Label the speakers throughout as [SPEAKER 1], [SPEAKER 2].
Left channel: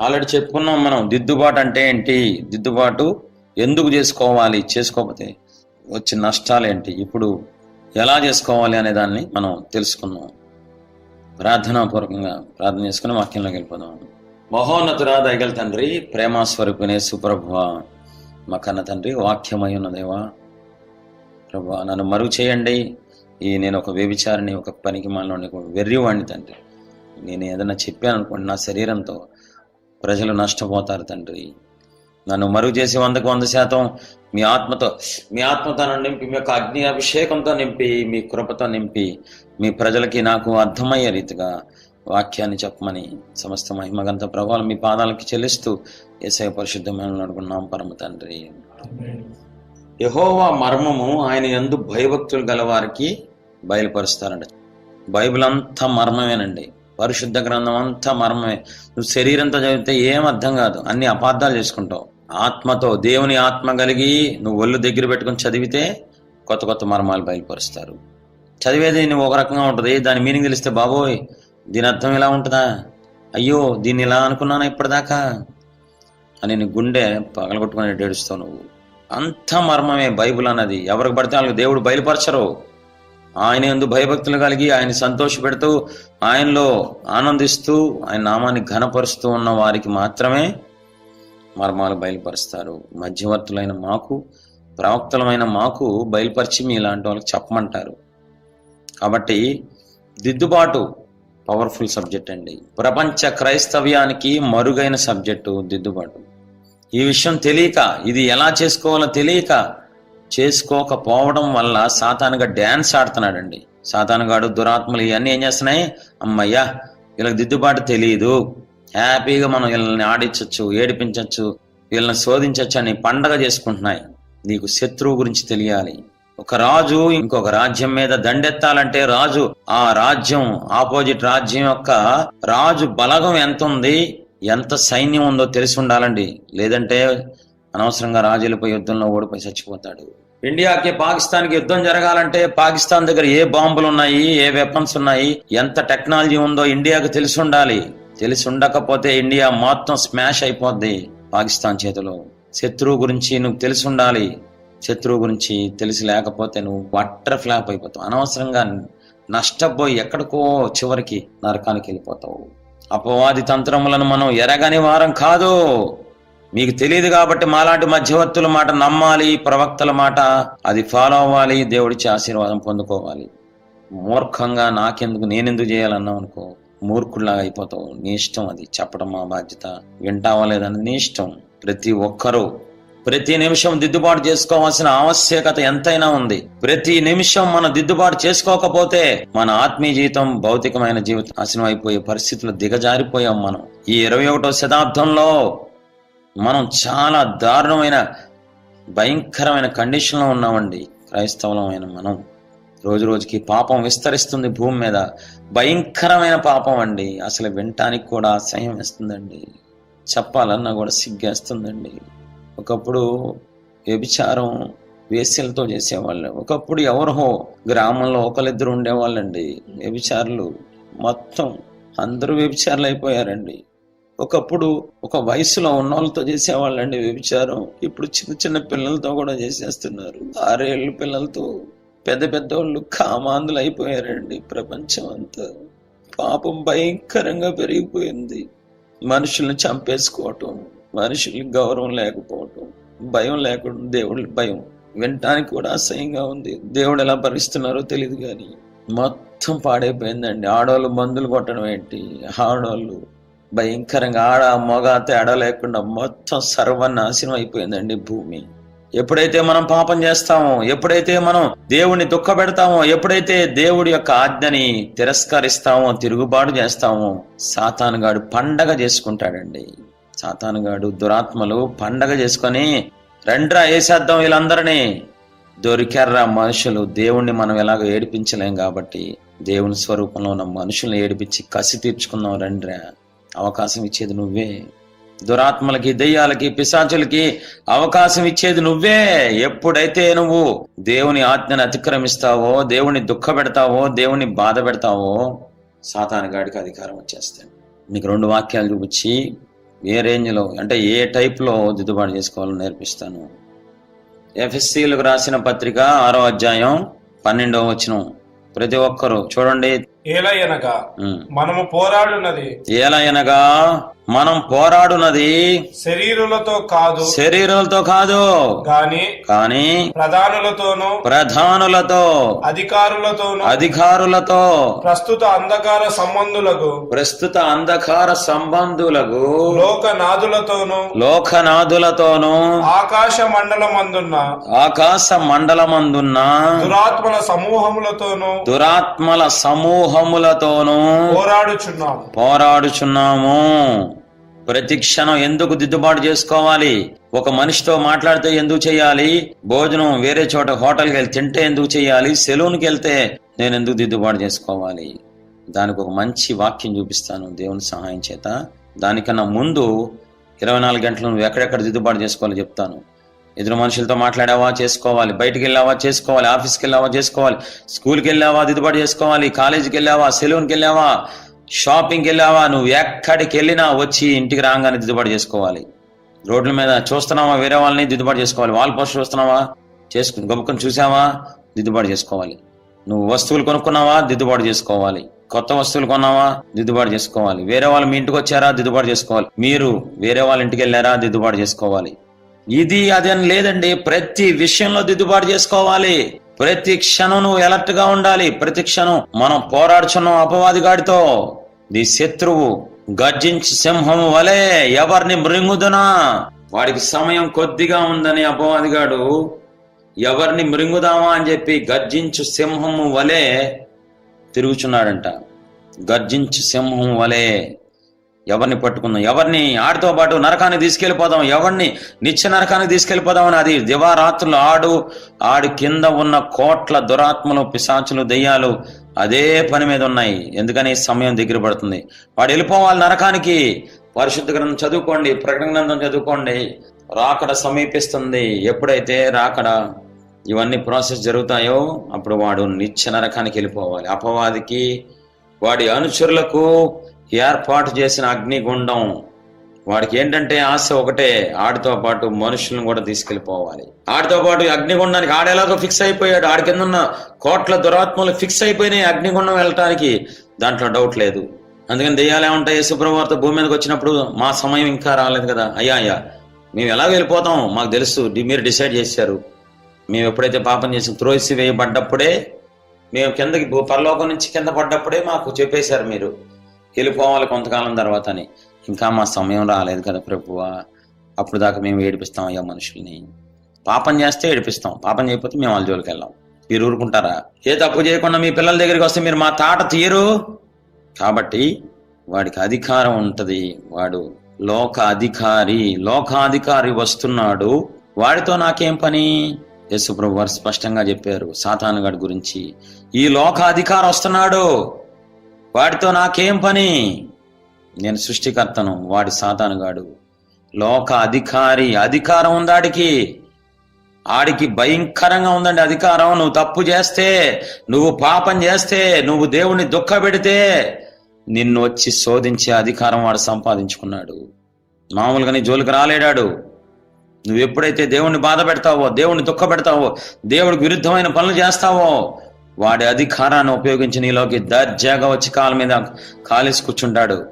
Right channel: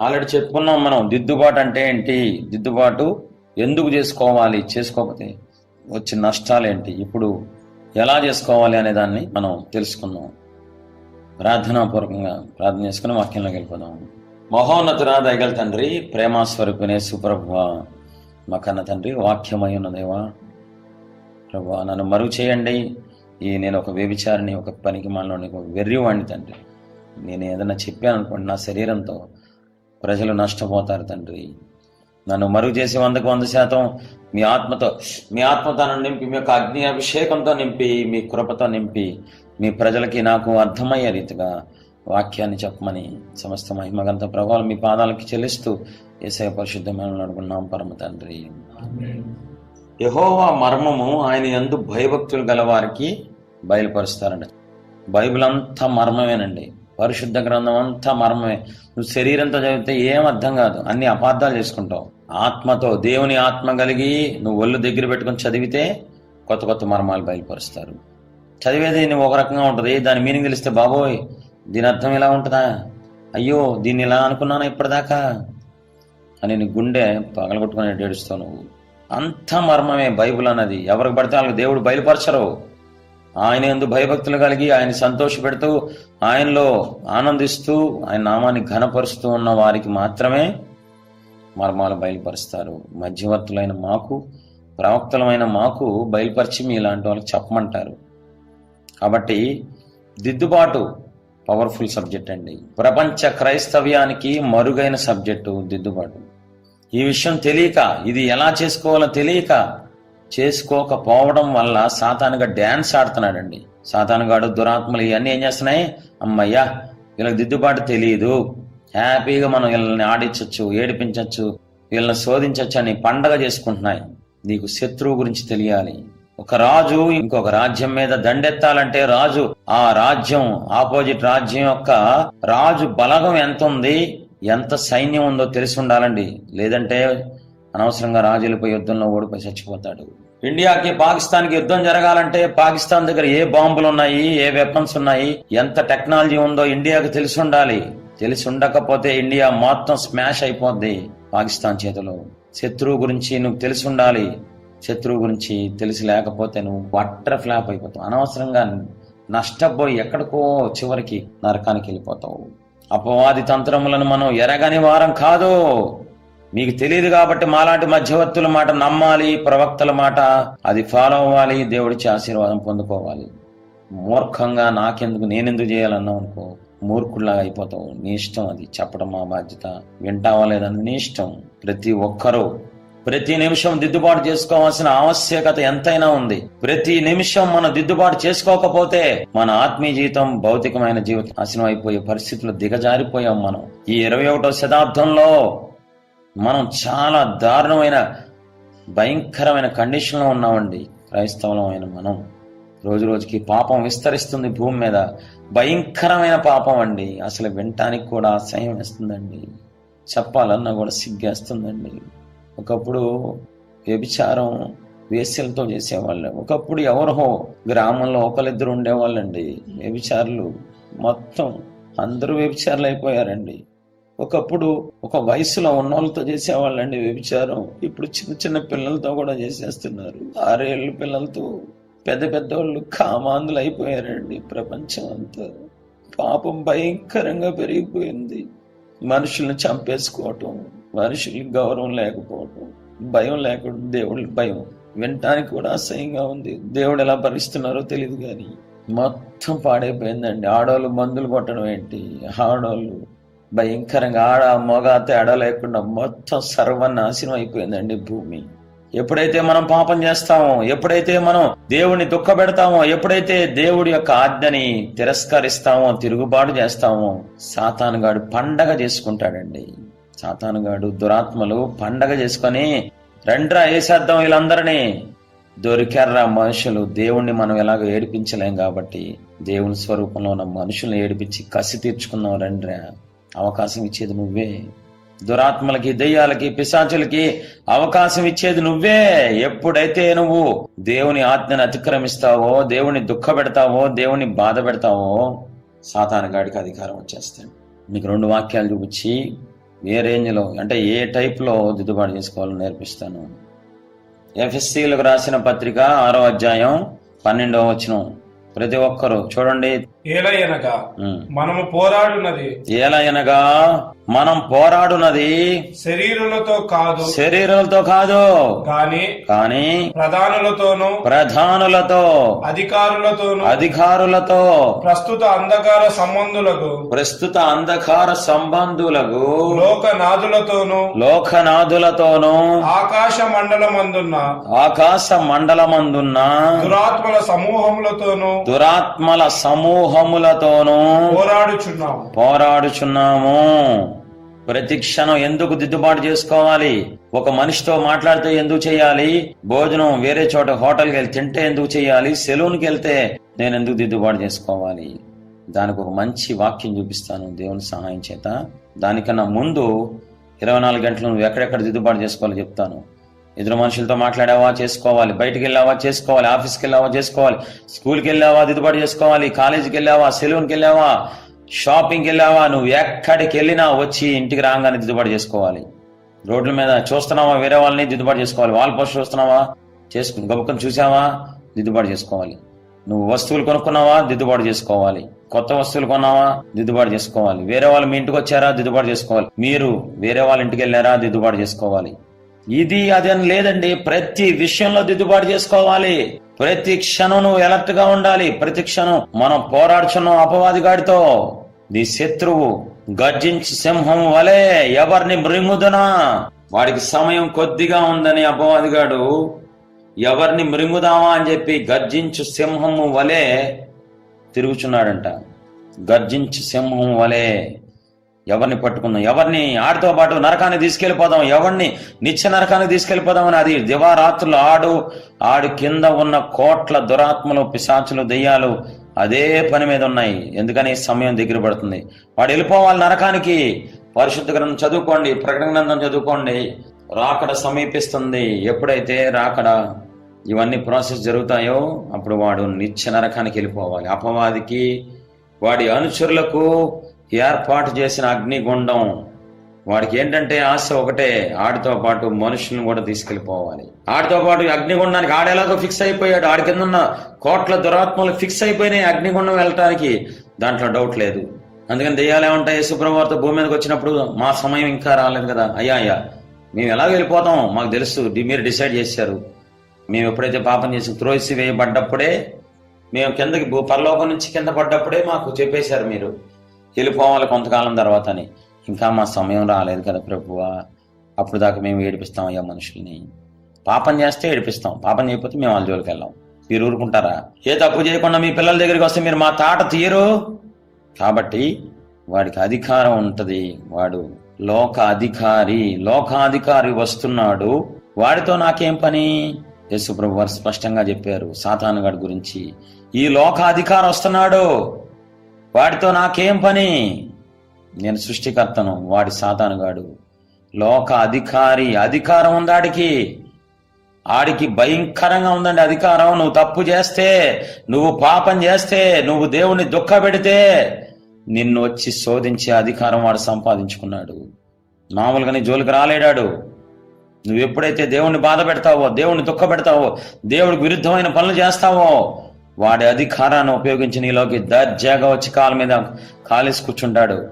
[SPEAKER 1] Already చెప్పుకున్నాం మనం దిద్దుబాటు అంటే ఏంటి? దిద్దుబాటు ఎందుకు చేసుకోవాలి? చేసుకోకపోతే వచ్చిన నష్టాలు ఏంటి? ఇప్పుడు ఎలా చేసుకోవాలి అనే దాన్ని మనం తెలుసుకున్నాం. ప్రార్థనాపూర్వకంగా ప్రార్థన చేసుకుని వాక్యంలోకి వెళ్ళిపోదాం. మహోన్నతురా దయగల తండ్రి ప్రేమాస్వరూపిణే సుప్రభువ మా కన్న తండ్రి వాక్యమై ఉన్నదేవా ప్రభు నన్ను మరుగు చేయండి ఈ నేను ఒక వ్యభిచారిని ఒక పనికి మాలని వెర్రివాణ్ణి తండ్రి. నేను ఏదైనా చెప్పాను అనుకోండి నా శరీరంతో ప్రజలు నష్టపోతారు తండ్రి. నన్ను మరుగు చేసి వందకు వంద శాతం మీ ఆత్మతో మీ ఆత్మతో నింపి మీ యొక్క అగ్ని అభిషేకంతో నింపి మీ కృపతో నింపి మీ ప్రజలకి నాకు అర్థమయ్యే రీతిగా వాక్యాన్ని చెప్పమని సమస్త మహిమగంత ప్రభావం మీ పాదాలకి చెల్లిస్తూ ఏసయ పరిశుద్ధమైన అడుగున్నాం పరమ తండ్రి. యహోవా మర్మము ఆయన ఎందు భయభక్తులు గల వారికి బయలుపరుస్తారండి బైబిల్ అంతా మర్మమేనండి. పరిశుద్ధ గ్రంథం అంతా మర్మమే. నువ్వు శరీరంతో చదివితే ఏం అర్థం కాదు. అన్ని అపార్థాలు చేసుకుంటావు. ఆత్మతో దేవుని ఆత్మ కలిగి నువ్వు ఒళ్ళు దగ్గర పెట్టుకొని చదివితే కొత్త కొత్త మర్మాలు బయలుపరుస్తారు. చదివేది నువ్వు ఒక రకంగా ఉంటుంది. దాని మీనింగ్ తెలిస్తే బాబోయ్ దీని అర్థం ఇలా ఉంటుందా? అయ్యో దీన్ని ఇలా అనుకున్నాను ఇప్పటిదాకా? అని నీ గుండె పగలగొట్టుకుని ఏడుస్తావు నువ్వు. అంత మర్మమే బైబిల్ అన్నది. ఎవరికి పడితే వాళ్ళకి దేవుడు బయలుపరచరు. ఆయన ఎందు భయభక్తులు కలిగి ఆయన సంతోషపెడుతూ ఆయనలో ఆనందిస్తూ ఆయన నామాన్ని ఘనపరుస్తూ ఉన్న వారికి మాత్రమే మర్మాలు బయలుపరుస్తారు. మధ్యవర్తులైన మాకు ప్రవక్తలమైన మాకు బయలుపరిచి మీ ఇలాంటి వాళ్ళకి చెప్పమంటారు. కాబట్టి దిద్దుబాటు పవర్ఫుల్ సబ్జెక్ట్ అండి. ప్రపంచ క్రైస్తవ్యానికి మరుగైన సబ్జెక్టు దిద్దుబాటు. ఈ విషయం తెలియక ఇది ఎలా చేసుకోవాలో తెలియక చేసుకోకపోవడం వల్ల సాతానుగా డ్యాన్స్ ఆడుతున్నాడండి. సాతానుగాడు దురాత్మలు ఇవన్నీ ఏం చేస్తున్నాయి? అమ్మయ్యా వీళ్ళకి దిద్దుబాటు తెలియదు హ్యాపీగా మనం వీళ్ళని ఆడించవచ్చు ఏడిపించవచ్చు వీళ్ళని శోధించవచ్చు అని పండగ చేసుకుంటున్నాయి. నీకు శత్రువు గురించి తెలియాలి. ఒక రాజు ఇంకొక రాజ్యం మీద దండెత్తాలంటే రాజు ఆ రాజ్యం ఆపోజిట్ రాజ్యం యొక్క రాజు బలగం ఎంత ఉంది ఎంత సైన్యం ఉందో తెలిసి ఉండాలండి. లేదంటే అనవసరంగా రాజులపై యుద్ధంలో ఓడిపోయి చచ్చిపోతాడు. ఇండియాకి పాకిస్తాన్కి యుద్ధం జరగాలంటే పాకిస్తాన్ దగ్గర ఏ బాంబులు ఉన్నాయి ఏ వెపన్స్ ఉన్నాయి ఎంత టెక్నాలజీ ఉందో ఇండియాకి తెలిసి ఉండాలి. తెలిసి ఉండకపోతే ఇండియా మొత్తం స్మాష్ అయిపోద్ది పాకిస్తాన్ చేతిలో. శత్రువు గురించి నువ్వు తెలిసి ఉండాలి. శత్రువు గురించి తెలిసి లేకపోతే నువ్వు వట్టర్ ఫ్లాప్ అయిపోతావు. అనవసరంగా నష్టపోయి ఎక్కడికో చివరికి నరకానికి వెళ్ళిపోతావు. అపవాది తంత్రములను మనం ఎరగని వారం కాదు. మీకు తెలియదు కాబట్టి మాలాంటి మధ్యవర్తుల మాట నమ్మాలి ప్రవక్తల మాట అది ఫాలో అవ్వాలి దేవుడిచ్చి ఆశీర్వాదం పొందుకోవాలి. మూర్ఖంగా నాకెందుకు నేనెందుకు చేయాలన్నావు అనుకో మూర్ఖుల్లా అయిపోతావు. నీ ఇష్టం అది. చెప్పడం మా బాధ్యత. వింటావా లేదని నీ ఇష్టం. ప్రతి ఒక్కరూ ప్రతి నిమిషం దిద్దుబాటు చేసుకోవాల్సిన ఆవశ్యకత ఎంతైనా ఉంది. ప్రతి నిమిషం మనం దిద్దుబాటు చేసుకోకపోతే మన ఆత్మీయ జీవితం భౌతికమైన జీవితం నాశనం అయిపోయే పరిస్థితులు దిగజారిపోయాం మనం. ఈ ఇరవై ఒకటో శతాబ్దంలో మనం చాలా దారుణమైన భయంకరమైన కండిషన్లో ఉన్నామండి. క్రైస్తవులమైన మనం. రోజు రోజుకి పాపం విస్తరిస్తుంది భూమి మీద. భయంకరమైన పాపం అండి. అసలు వినటానికి కూడా అసహ్యం వేస్తుందండి. చెప్పాలన్నా కూడా సిగ్గేస్తుందండి ఒకప్పుడు వ్యభిచారం వేశ్యలతో చేసేవాళ్ళు. ఒకప్పుడు ఎవరో గ్రామంలో ఒకరిద్దరు ఉండేవాళ్ళండి. వ్యభిచారులు. మొత్తం అందరూ వ్యభిచారులు అయిపోయారండి ఒకప్పుడు ఒక వయసులో ఉన్న వాళ్ళతో చేసేవాళ్ళండి వ్యభిచారం. ఇప్పుడు చిన్న చిన్న పిల్లలతో కూడా చేసేస్తున్నారు. ఆరేళ్ళు పిల్లలతో పెద్ద పెద్ద వాళ్ళు కామాందులు అయిపోయారండి ప్రపంచం అంతా. పాపం భయంకరంగా పెరిగిపోయింది. మనుషుల్ని చంపేసుకోవటం మనుషులకి గౌరవం లేకపోవటం భయం లేకుండా దేవుడి భయం వినటానికి కూడా అసహ్యంగా ఉంది. దేవుడు ఎలా భరిస్తున్నారో తెలియదు కానీ మొత్తం పాడైపోయిందండి. ఆడవాళ్ళు మందులు కొట్టడం ఏంటి? ఆడవాళ్ళు భయంకరంగా ఆడ మొగ తేడా లేకుండా మొత్తం సర్వనాశనం అయిపోయిందండి భూమి. ఎప్పుడైతే మనం పాపం చేస్తామో ఎప్పుడైతే మనం దేవుణ్ణి దుఃఖపెడతామో ఎప్పుడైతే దేవుడి యొక్క ఆజ్ఞని తిరస్కరిస్తామో తిరుగుబాటు చేస్తామో సాతానుగాడు పండగ చేసుకుంటాడండి. సాతానుగాడు దురాత్మలు పండగ చేసుకొని రండ్రా వేసేద్దాం వీళ్ళందరినీ? దొరికారా మనుషులు. దేవుణ్ణి మనం ఎలాగో ఏడిపించలేం కాబట్టి దేవుని స్వరూపంలో ఉన్న మనుషుల్ని ఏడిపించి కసి తీర్చుకుందాం రండ్రా. అవకాశం ఇచ్చేది నువ్వే. దురాత్మలకి దెయ్యాలకి పిశాచులకి అవకాశం ఇచ్చేది నువ్వే. ఎప్పుడైతే నువ్వు దేవుని ఆజ్ఞను అతిక్రమిస్తావో దేవుని దుఃఖ పెడతావో దేవుని బాధ పెడతావో సాతాను గాడికి అధికారం వచ్చేస్తాడు. నీకు రెండు వాక్యాలు చూపించి ఏ రేంజ్లో అంటే ఏ టైప్లో దిద్దుబాటు చేసుకోవాలో నేర్పిస్తాను. ఎఫ్ఎస్సీలకు రాసిన పత్రిక ఆరో అధ్యాయం పన్నెండవ వచనం. ప్రతి ఒక్కరు చూడండి.
[SPEAKER 2] ఏలయనగా. మనము పోరాడున్నది
[SPEAKER 1] ఏలయనగా మనం పోరాడునది.
[SPEAKER 2] శరీరులతో కాదు.
[SPEAKER 1] శరీరాలతో కాదు.
[SPEAKER 2] గాని
[SPEAKER 1] కానీ
[SPEAKER 2] ప్రధానులతోనూ
[SPEAKER 1] ప్రధానులతో
[SPEAKER 2] అధికారులతోనూ
[SPEAKER 1] అధికారులతో
[SPEAKER 2] ప్రస్తుత అంధకార సంబంధులకు
[SPEAKER 1] ప్రస్తుత అంధకార సంబంధులకు
[SPEAKER 2] లోకనాథులతోనూ
[SPEAKER 1] లోకనాథులతోనూ
[SPEAKER 2] ఆకాశ మండలమందున్న
[SPEAKER 1] ఆకాశ మండలమందున్న
[SPEAKER 2] దురాత్మల సమూహములతోనూ
[SPEAKER 1] దురాత్మల సమూహములతోనూ
[SPEAKER 2] పోరాడుచున్నాము.
[SPEAKER 1] పోరాడుచున్నాము. ప్రతి క్షణం ఎందుకు దిద్దుబాటు చేసుకోవాలి? ఒక మనిషితో మాట్లాడితే ఎందుకు చేయాలి? భోజనం వేరే చోట హోటల్కి వెళ్ళి తింటే ఎందుకు చేయాలి? సెలూన్కి వెళ్తే నేను ఎందుకు దిద్దుబాటు చేసుకోవాలి? దానికి ఒక మంచి వాక్యం చూపిస్తాను దేవుని సహాయం చేత. దానికన్నా ముందు ఇరవై నాలుగు గంటలు నువ్వు ఎక్కడెక్కడ దిద్దుబాటు చేసుకోవాలో చెప్తాను. ఎదురు మనుషులతో మాట్లాడావా? చేసుకోవాలి. బయటికి వెళ్ళావా చేసుకోవాలి. ఆఫీస్కి వెళ్ళావా చేసుకోవాలి. స్కూల్కి వెళ్ళావా దిద్దుబాటు చేసుకోవాలి. కాలేజీకి వెళ్ళావా సెలూన్కి వెళ్ళావా షాపింగ్కి వెళ్ళావా నువ్వు ఎక్కడికి వెళ్ళినా వచ్చి ఇంటికి రాగానే దిద్దుబాటు చేసుకోవాలి. రోడ్ల మీద చూస్తున్నావా? వేరే వాళ్ళని దిద్దుబాటు చేసుకోవాలి. వాల్ పోస్ట్ చూస్తున్నావా? చేసుకుని గొప్పకొని చూసావా దిద్దుబాటు చేసుకోవాలి. నువ్వు వస్తువులు కొనుక్కున్నావా? దిద్దుబాటు చేసుకోవాలి. కొత్త వస్తువులు కొన్నావా? దిద్దుబాటు చేసుకోవాలి. వేరే వాళ్ళు మీ ఇంటికి వచ్చారా? దిద్దుబాటు చేసుకోవాలి. మీరు వేరే వాళ్ళ ఇంటికి వెళ్ళారా? దిద్దుబాటు చేసుకోవాలి. ఇది అది అని లేదండి. ప్రతి విషయంలో దిద్దుబాటు చేసుకోవాలి. ప్రతి క్షణం నువ్వు ఎలర్ట్గా ఉండాలి. ప్రతి క్షణం మనం పోరాడుచున్నాం అపవాదిగాడితో. ది శత్రువు గర్జించి సింహం వలె ఎవరిని మృంగుదునా? వాడికి సమయం కొద్దిగా ఉందని అపవాదిగాడు. ఎవరిని మృంగుదామా అని చెప్పి గర్జించు సింహము వలె తిరుగుచున్నాడంట. గర్జించు సింహం వలె. ఎవరిని పట్టుకుందాం? ఎవరిని ఆడితో పాటు నరకాన్ని తీసుకెళ్ళిపోదాం? ఎవరిని నిత్య నరకాన్ని తీసుకెళ్ళిపోదాం అని? అది దివారాత్రులు ఆడు ఆడు కింద ఉన్న కోట్ల దురాత్మలు పిశాచులు దెయ్యాలు అదే పని మీద ఉన్నాయి. ఎందుకని? సమయం దగ్గర పడుతుంది. వాడు వెళ్ళిపోవాలి నరకానికి. పరిశుద్ధ గ్రంథం చదువుకోండి ప్రకటన గ్రంథం చదువుకోండి. రాకడ సమీపిస్తుంది. ఎప్పుడైతే రాకడ ఇవన్నీ ప్రాసెస్ జరుగుతాయో అప్పుడు వాడు నిత్య నరకానికి వెళ్ళిపోవాలి. అపవాదికి వాడి అనుచరులకు ఏర్పాటు చేసిన అగ్నిగుండం. వాడికి ఏంటంటే ఆశ ఒకటే ఆడితో పాటు మనుషులను కూడా తీసుకెళ్ళిపోవాలి. ఆడితో పాటు అగ్నిగుండానికి ఆడేలాగా ఫిక్స్ అయిపోయాడు. ఆడి కింద ఉన్న కోట్ల దురాత్మలు ఫిక్స్ అయిపోయినాయి అగ్నిగుండం వెళ్ళటానికి. దాంట్లో డౌట్ లేదు. అందుకని దెయ్యాలు ఏమంటాయి? శుభ్రవార్త భూమి మీదకి వచ్చినప్పుడు మా సమయం ఇంకా రాలేదు కదా? అయ్యా అయ్యా మేము ఎలా వెళ్ళిపోతాం? మాకు తెలుసు డి- మీరు డిసైడ్ చేశారు. మేము ఎప్పుడైతే పాపం చేసి త్రోసి వేయబడ్డప్పుడే మేము కిందకి భూ పరలోకం నుంచి కింద పడ్డప్పుడే మాకు చెప్పేశారు మీరు. వెళ్ళిపోవాలి కొంతకాలం తర్వాత అని ఇంకా మా సమయం రాలేదు కదా ప్రభువా. అప్పుడు దాకా మేము ఏడిపిస్తాం అయ్యా మనుషుల్ని. పాపం చేస్తే ఏడిపిస్తాం. పాపం చేయకపోతే మేము వాళ్ళ జోలికి వెళ్ళాం. మీరు ఊరుకుంటారా? ఏ తప్పు చేయకుండా మీ పిల్లల దగ్గరికి వస్తే మీరు మా తాట తీయరు? కాబట్టి వాడికి అధికారం ఉంటుంది. వాడు లోక అధికారి లోకాధికారి వస్తున్నాడు. వాడితో నాకేం పని? యేసుప్రభు వారు స్పష్టంగా చెప్పారు. సాతానుగాడి గురించి. ఈ లోకాధికారి వస్తున్నాడు. వాడితో నాకేం పని? నేను సృష్టికర్తను వాడి సాతానుగాడు లోక అధికారి అధికారం ఉంది ఆడికి. ఆడికి భయంకరంగా ఉందండి అధికారం. నువ్వు తప్పు చేస్తే నువ్వు పాపం చేస్తే నువ్వు దేవుణ్ణి దుఃఖ పెడితే నిన్ను వచ్చి శోధించే అధికారం వాడు సంపాదించుకున్నాడు. మామూలుగా నీ జోలికి రాలేడాడు. నువ్వు ఎప్పుడైతే దేవుణ్ణి బాధ పెడతావో దేవుణ్ణి దుఃఖ పెడతావో దేవుడికి విరుద్ధమైన పనులు చేస్తావో వాడి అధికారాన్ని ఉపయోగించి నీలోకి దర్జాగా వచ్చి కాళ్ళ మీద కాలేసి కూర్చుంటాడు.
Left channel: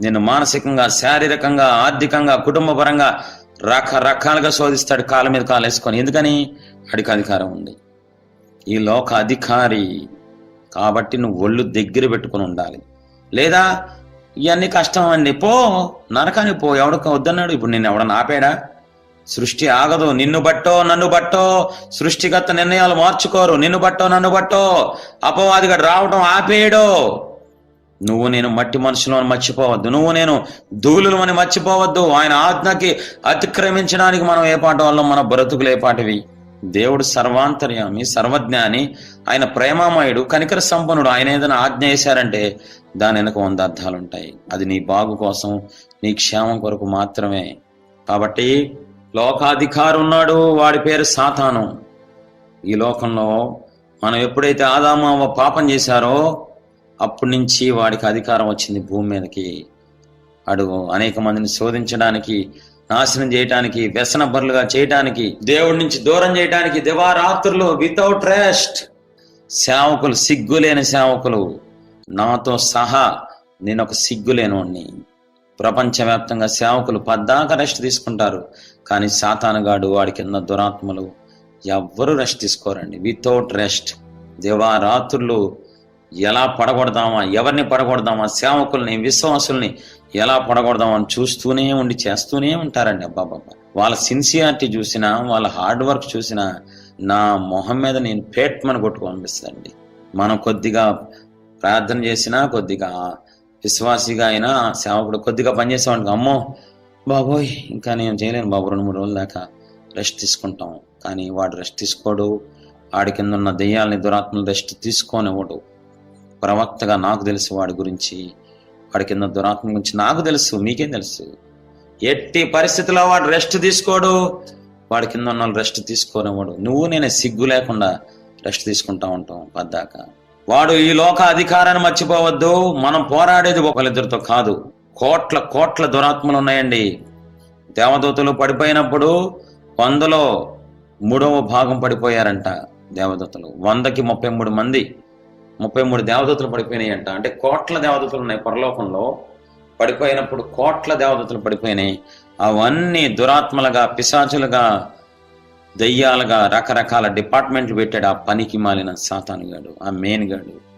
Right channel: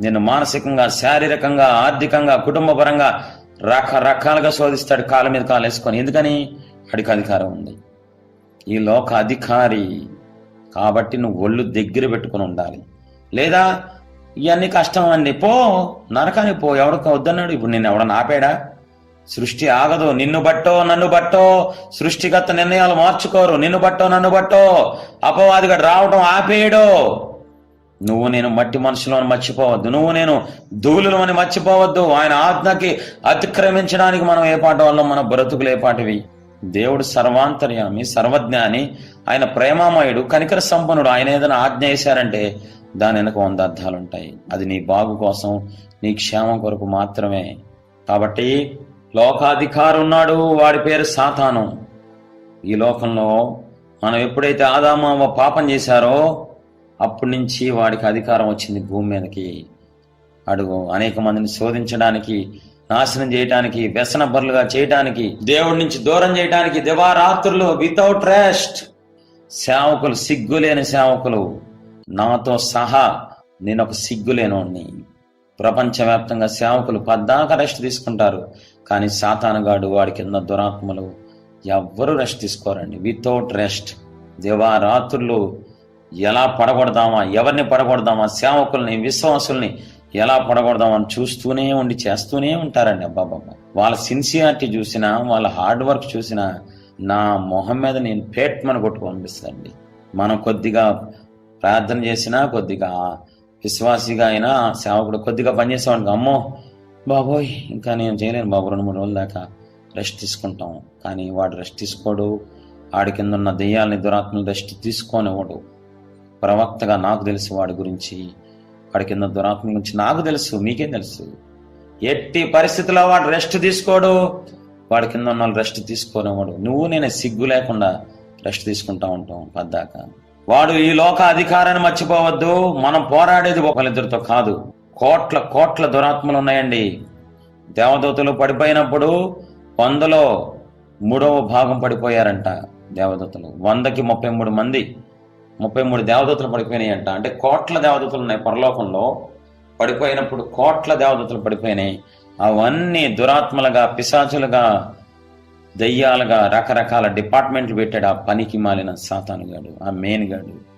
[SPEAKER 1] నేను మానసికంగా శారీరకంగా ఆర్థికంగా కుటుంబపరంగా రకరకాలుగా శోధిస్తాడు కాళ్ళ మీద కాలు వేసుకొని. ఎందుకని? అడికి అధికారం ఉంది. ఈ లోక అధికారి కాబట్టి నువ్వు ఒళ్ళు దగ్గర పెట్టుకొని ఉండాలి. లేదా ఇవన్నీ కష్టం అండి పో నరకానికి పో ఎవడికి వద్దన్నాడు. ఇప్పుడు నేను ఎవడన్నా ఆపాడా? సృష్టి ఆగదు. నిన్ను బట్టో నన్ను బట్టో. సృష్టిగత నిర్ణయాలు మార్చుకోరు. నిన్ను బట్టో నన్ను బట్టో. అపవాదిగా రావడం ఆపేయడు. నువ్వు నేను మట్టి మనుషులను మర్చిపోవద్దు. నువ్వు నేను ధూళులని మర్చిపోవద్దు. ఆయన ఆజ్ఞకి అతిక్రమించడానికి మనం ఏ పాట వల్ల మన బ్రతుకులు ఏ పాటివి? దేవుడు సర్వాంతర్యామి సర్వజ్ఞాని ఆయన ప్రేమామయుడు కనికర సంపన్నుడు. ఆయన ఏదైనా ఆజ్ఞ వేశారంటే దాని వెనక వంద అర్థాలు ఉంటాయి అది నీ బాగు కోసం నీ క్షేమం కొరకు మాత్రమే. కాబట్టి లోకాధికారి ఉన్నాడు వాడి పేరు సాతాను. ఈ లోకంలో మనం ఎప్పుడైతే ఆదాము పాపం చేశారో అప్పటి నుంచి వాడికి అధికారం వచ్చింది భూమి మీదకి. అడుగు అనేక మందిని శోధించడానికి నాశనం చేయటానికి వ్యసన బరులుగా చేయటానికి దేవుడి నుంచి దూరం చేయటానికి దివారాత్రులు వితౌట్ రెస్ట్ సేవకులు సిగ్గులేని సేవకులు. నాతో సహా నేను ఒక సిగ్గులేనోడిని. ప్రపంచవ్యాప్తంగా సేవకులు పద్దాక రెస్ట్ తీసుకుంటారు. కానీ సాతానుగాడు వాడి కింద దురాత్మలు ఎవ్వరూ రెస్ట్ తీసుకోరండి. Without rest. దివారాత్రులు ఎలా పడగొడదామా ఎవరిని పడగొడదామా సేవకుల్ని విశ్వాసుల్ని ఎలా పడగొడదామని చూస్తూనే ఉండి చేస్తూనే ఉంటారండి. అబ్బాబమ్మ వాళ్ళ సిన్సియారిటీ చూసినా వాళ్ళ హార్డ్ వర్క్ చూసినా నా మొహం మీద నేను పేట్మని కొట్టుకు పంపిస్తానండి మనం కొద్దిగా ప్రార్థన చేసినా కొద్దిగా విశ్వాసిగా అయినా సేవకుడు కొద్దిగా పనిచేసేవాడికి అమ్మో బాబోయ్ ఇంకా నేను చేయలేను బాబు రెండు మూడు రోజుల దాకా రెస్ట్ తీసుకుంటాం. కానీ వాడు రెస్ట్ తీసుకోడు. ఆడి కింద ఉన్న దెయ్యాలని దురాత్మలు రెస్ట్ తీసుకోనివ్వడు. ప్రవక్తగా నాకు తెలుసు వాడి గురించి. వాడి కింద దురాత్మ గురించి నాకు తెలుసు మీకేం తెలుసు? ఎట్టి పరిస్థితిలో వాడు రెస్ట్ తీసుకోడు. వాడి కింద ఉన్న రెస్ట్ తీసుకోనివ్వడు. నువ్వు నేను సిగ్గు లేకుండా రెస్ట్ తీసుకుంటా ఉంటాం పద్దాక. వాడు ఈ లోక అధికారాన్ని మర్చిపోవద్దు. మనం పోరాడేది ఒకరిద్దరితో కాదు. కోట్ల కోట్ల దురాత్మలు ఉన్నాయండి. దేవదూతలు పడిపోయినప్పుడు వందలో మూడవ భాగం పడిపోయారంట దేవదూతలు. వందకి ముప్పై మూడు మంది ముప్పై మూడు దేవదూతలు పడిపోయినాయంట. అంటే కోట్ల దేవదూతలు ఉన్నాయి పరలోకంలో. పడిపోయినప్పుడు కోట్ల దేవదూతలు పడిపోయినాయి. అవన్నీ దురాత్మలుగా పిశాచులుగా దయ్యాలుగా రకరకాల డిపార్ట్మెంట్లు పెట్టాడు ఆ పనికి మాలిన సాతాను గాడు ఆ మెయిన్ గాడు.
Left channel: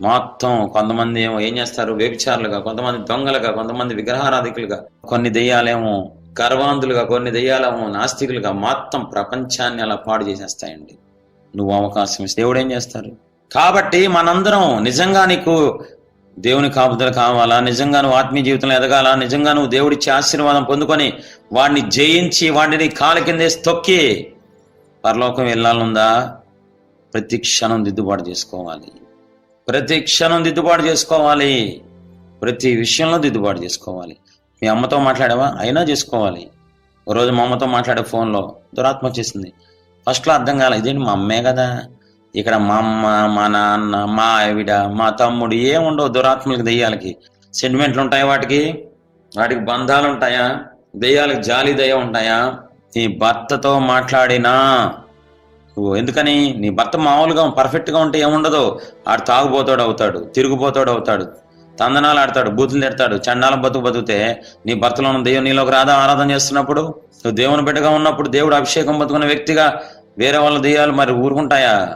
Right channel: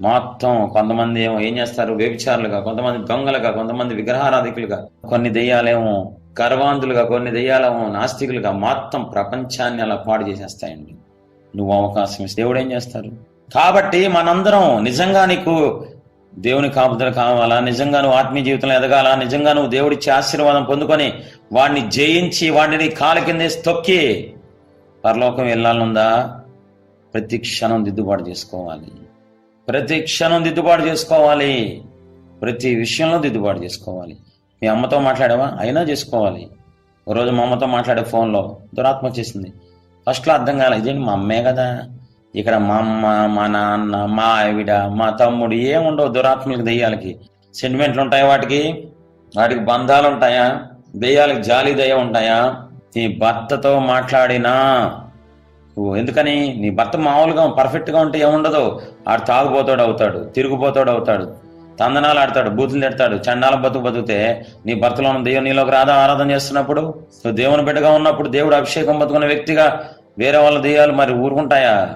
[SPEAKER 1] మొత్తం కొంతమంది ఏమో ఏం చేస్తారు? వ్యభిచారులుగా కొంతమంది దొంగలుగా కొంతమంది విగ్రహారాధికులుగా కొన్ని దెయ్యాలేమో గర్వాంధులుగా కొన్ని దెయ్యాలేమో నాస్తికులుగా మొత్తం ప్రపంచాన్ని అలా పాడు చేసేస్తాయండి. నువ్వు అవకాశం ఇస్తే దేవుడు ఏం చేస్తారు కాబట్టి మనందరం నిజంగా నీకు దేవుని కాపుదలు కావాలా? నిజంగా నువ్వు ఆత్మీయ జీవితంలో ఎదగాల? నిజంగా నువ్వు దేవుడిచ్చే ఆశీర్వాదం పొందుకొని వాడిని జయించి వాడిని కాలు కిందేసి తొక్కి పరలోకం వెళ్ళాలనుందా? ప్రతి క్షణం దిద్దుబాటు చేసుకోవాలి. ప్రతి క్షణం దిద్దుబాటు చేసుకోవాలి. ప్రతి విషయంలో దిద్దుబాటు చేసుకోవాలి. మీ అమ్మతో మాట్లాడావా? అయినా చేసుకోవాలి. ఓ రోజు మా అమ్మతో మాట్లాడే ఫోన్లో దురాత్మ వచ్చేసింది. ఫస్ట్లో అర్థం కాలేదు ఇదేంటి మా అమ్మే కదా? ఇక్కడ మా అమ్మ మా నాన్న మా ఆవిడ మా తమ్ముడు ఏముండవు దురాత్మలకు దెయ్యాలకి. సెంటిమెంట్లు ఉంటాయా వాటికి? వాటికి బంధాలు ఉంటాయా? దెయ్యాలకు జాలి దయ ఉంటాయా? నీ భర్తతో మాట్లాడినా. నువ్వు ఎందుకని? నీ భర్త మామూలుగా పర్ఫెక్ట్గా ఉంటే ఏముండదు. ఆడు తాగుబోతాడు అవుతాడు తిరుగుబోతాడు అవుతాడు తందనాలు ఆడతాడు బూతులు తిడతాడు చండాలం బతుకు బతుకుతే నీ భర్తలో ఉన్న దేవుని నీలోకి రాధా ఆరాధన చేస్తున్నప్పుడు? నువ్వు దేవుని బిడ్డగా ఉన్నప్పుడు దేవుడు అభిషేకం బతుకున్న వ్యక్తిగా వేరే వాళ్ళ దెయ్యాలు మరి ఊరుకుంటాయా?